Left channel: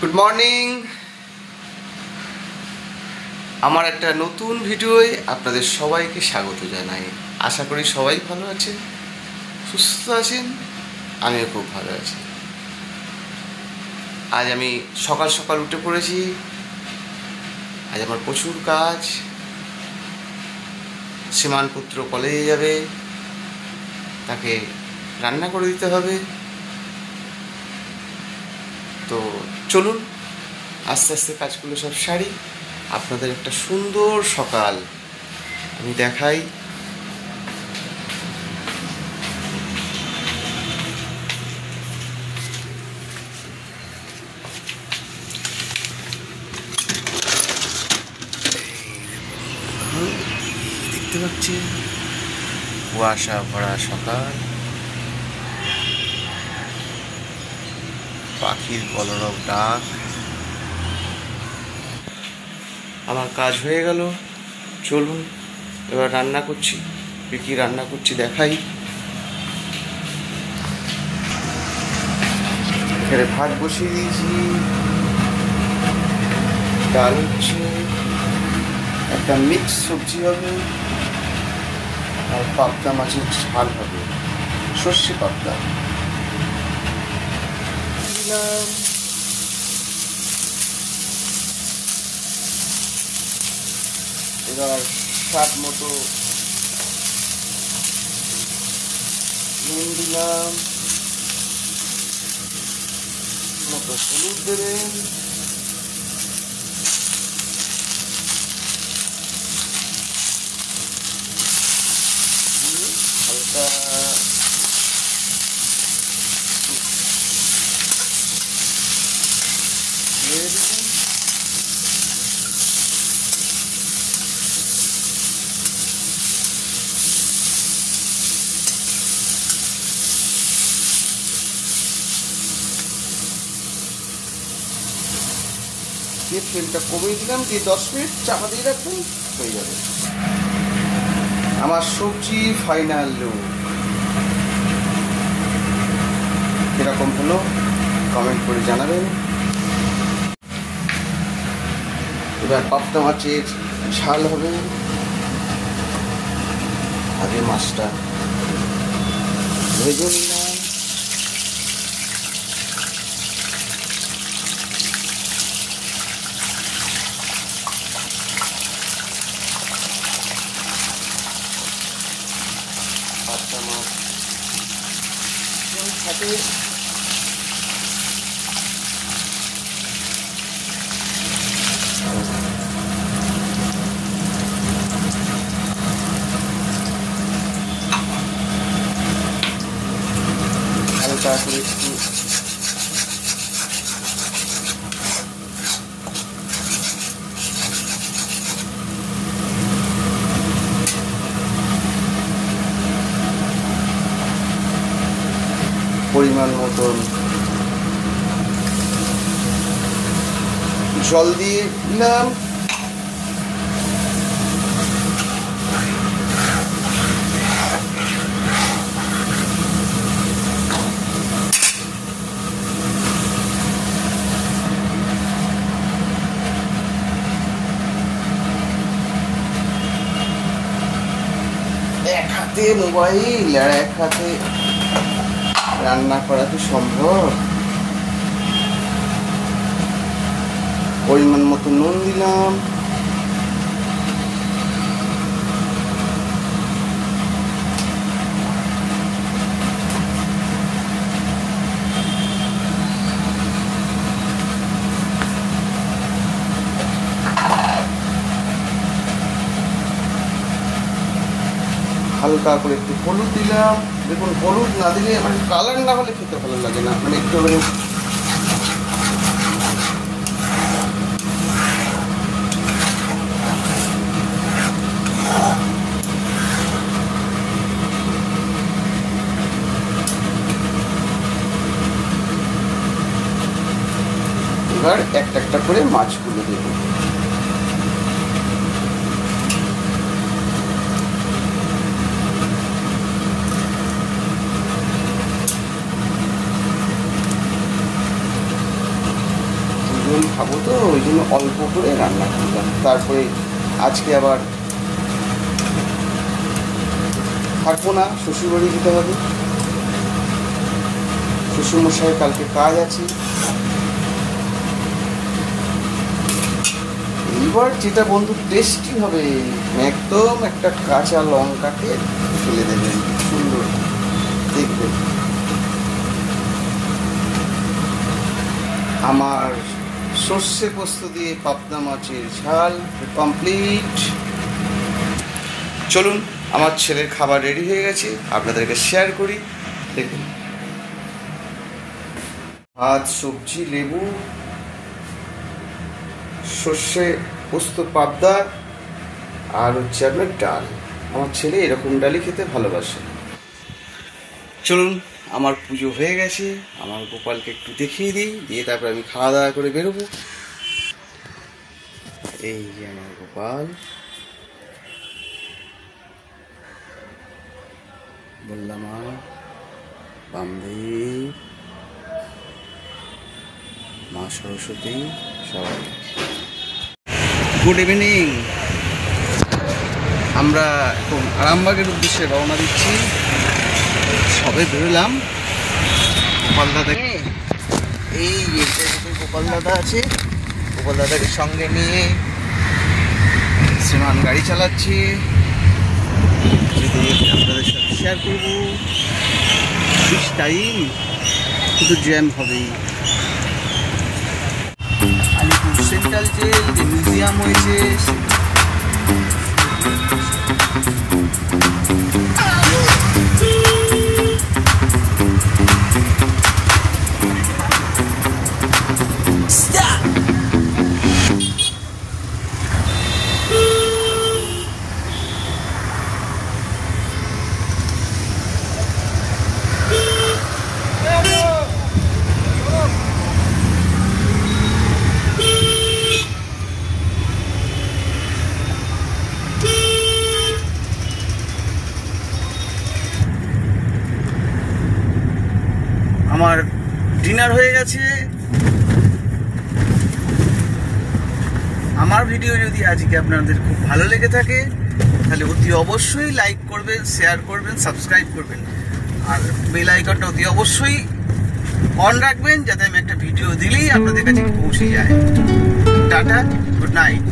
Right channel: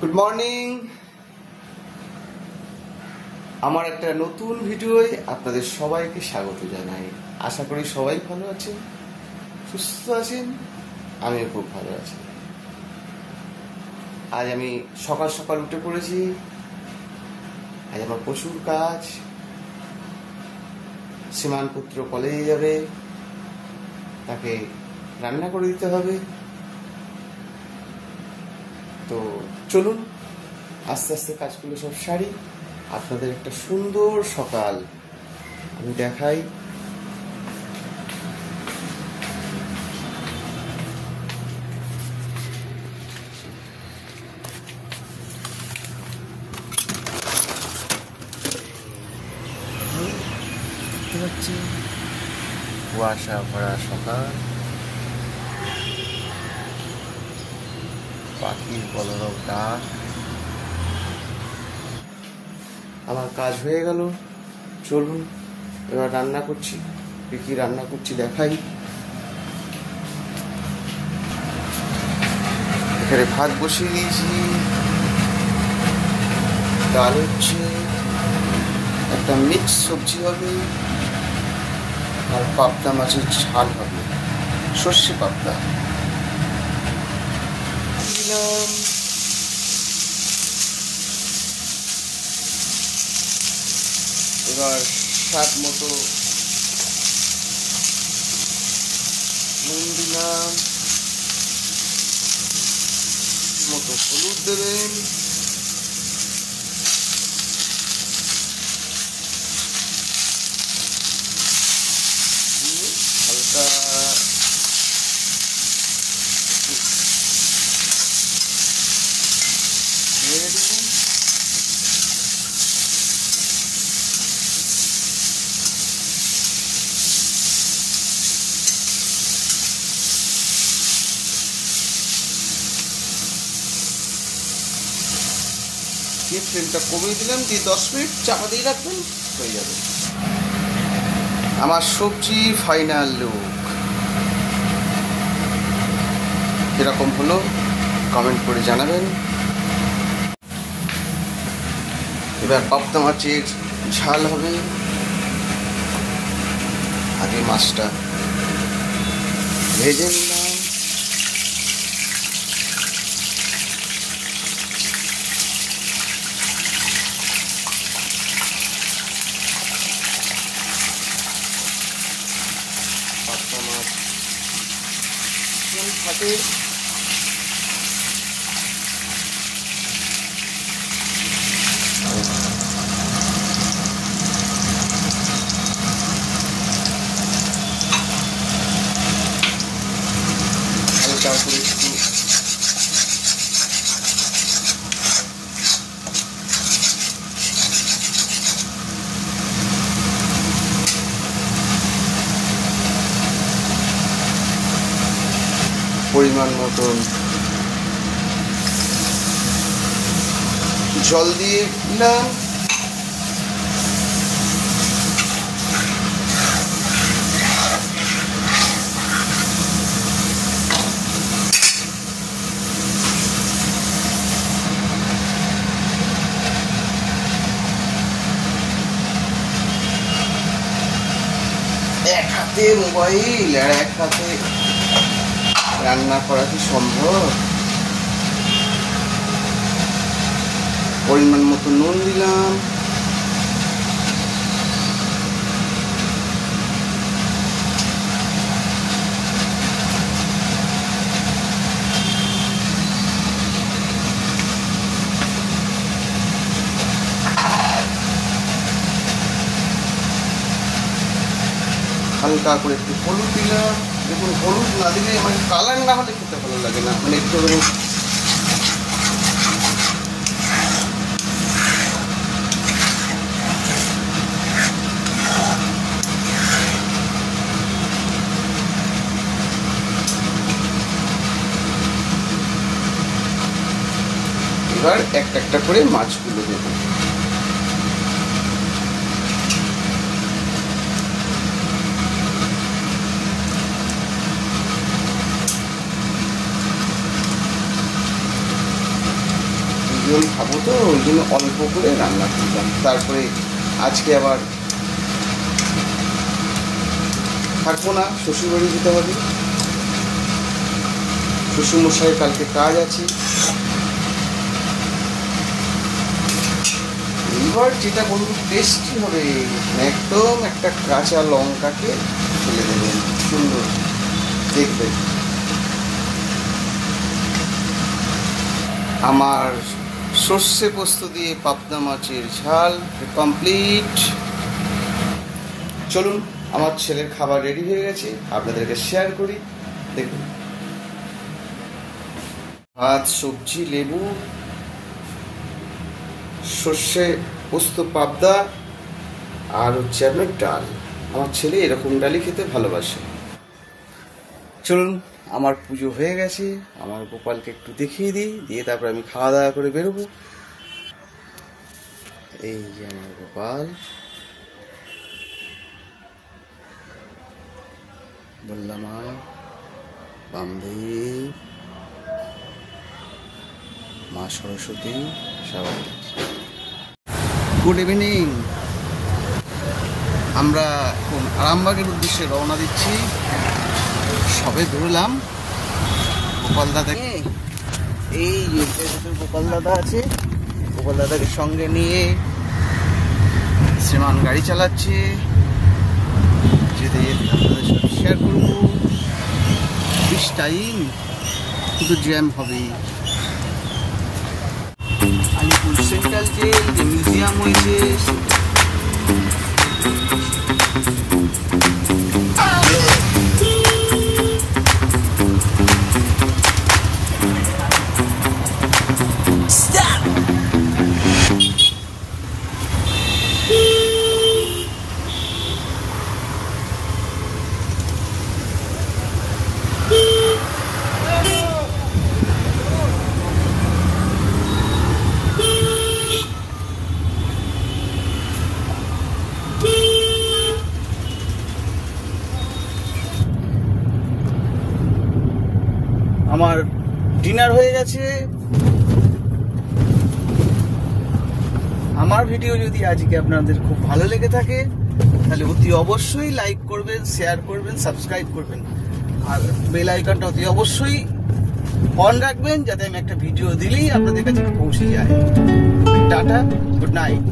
Good morning. আমার একটা নতুন ভিডিওয় আপনাদের সবাইকে স্বাগত জানাই। আশা করি সবাই ভালো আছেন, সুস্থ আছেন। আমিও খুব ভালো আছি। আজ আমি সকাল সকাল উঠে পড়েছি। আজ আমার প্রচুর কাজ। শ্রীমান পুত্র কলেজে যাবে, তাকে রান্না করে দিতে হবে। তো চলুন আস্তে আস্তে কাজগুলো সব সারি, আপনাদের একটা সুন্দর সকাল আমি দেখাই। দেখতে পাচ্ছি কুয়াশা ভরা সকাল, পাখির কলরব ডাক। আমার কাজ হয়ে গেল। চলুন এবার রান্না করছি। কী রান্না করছি দেখাই। এখানে ভাত বসিয়ে দিয়েছি, ডাল হচ্ছে, একটা মিক্স সবজি হবে, আর পাবদা মাছের ঝাল হবে, সর্ষে পাবদা। এবার স্বাদ মতো নুন দিলাম, মতো হলুদ দেবেন, তেলটা কমিয়ে দিলাম, দিয়ে 10 মিনিট চাপা দিয়ে রাখবেন, হয়ে যাবে আমার সবজি ফাইনাল লুক। এরকম হলো কমেন্ট করে জানাবেন। এবার পাবদা মাছের ঝাল হবে। আগে মাছটা ভেজে নিলাম। পরিমাণ মতন জল দিয়ে দিলাম। এক হাতে মোবাইল আর এক হাতে রান্না করা কি সম্ভব? পরিমাণ মতো নুন দিলাম, হালকা করে একটু হলুদ দিলাম। দেখুন, হলুদ না দিলে মানে কালার না হলে খেতে ভালো লাগে না, মানে একটু হলুদ। এবার একটা একটা করে মাছগুলো দেব। কয়েকজন খাবো তো ওই জন্য অল্প করে রান্না করলাম। তারপরে আজকে আবার থাকবো না, শ্বশুরবাড়ি যেতে হবে। শ্বশুরমশাইয়ের কালকে কাজ আছে। এবার যেটা বন্ধু টেস্টি হবে, একদম একটা কাঁচা লঙ্কাকে দিয়ে দেবেন, সুন্দর দেখবেন। আমার সর্ষে পোস্ত দিয়ে পাবদা মাছের ঝাল কমপ্লিট। চলুন, আমার ছেলের খাবার রেডি হয়ে গেছে, আপনাদেরকে শেয়ার করি। দেখুন, ভাত, সবজি, লেবু, সর্ষে পোস্ত পাবদা, আর হচ্ছে আপনার ডাল। আমার ছেলে এরকম ডালই খেতে ভালোবাসে। চলুন, আমার পুজো হয়ে গেছে, আমার গোপালকে একটু দেখিয়ে দিই, দিয়ে তারপর আমি খাওয়া দাওয়া করে বেরোবো। এই যে আমার গোপাল, বললাম বামদেব, মা সরস্বতী, সবাই গুড ইভিনিং। আমরা এখন আরামবাগের উদ্দেশ্যে রওনা দিচ্ছি। সবে বেরোলাম। গোপাল দাদাকে, এই গোপাল দাদা আছে, গোপাল দাদাকে সঙ্গে নিয়ে শ্রীমান গাড়ি চালাচ্ছে। যদি আপনাদের সাথে শেয়ার করবো, বেশ টাইম, কিন্তু জ্যাম হবেই। আলিপুর সেন্ট্রাল যে মিউজিয়াম হয়েছে, আমার ডিনার হয়ে গেছে। আমার ভিডিও যদি আজকে আপনাদের খুব ভালো লেগে থাকে তাহলে অতি অবশ্যই লাইক করবেন, শেয়ার করবেন, সাবস্ক্রাইব করবেন, আর বেল আইকনটা অতি অবশ্যই অন রাখবেন, যাতে আমি একটা ভিডিও দিলেই আপনাদের কাছে পৌঁছে যায়। Tata, good night.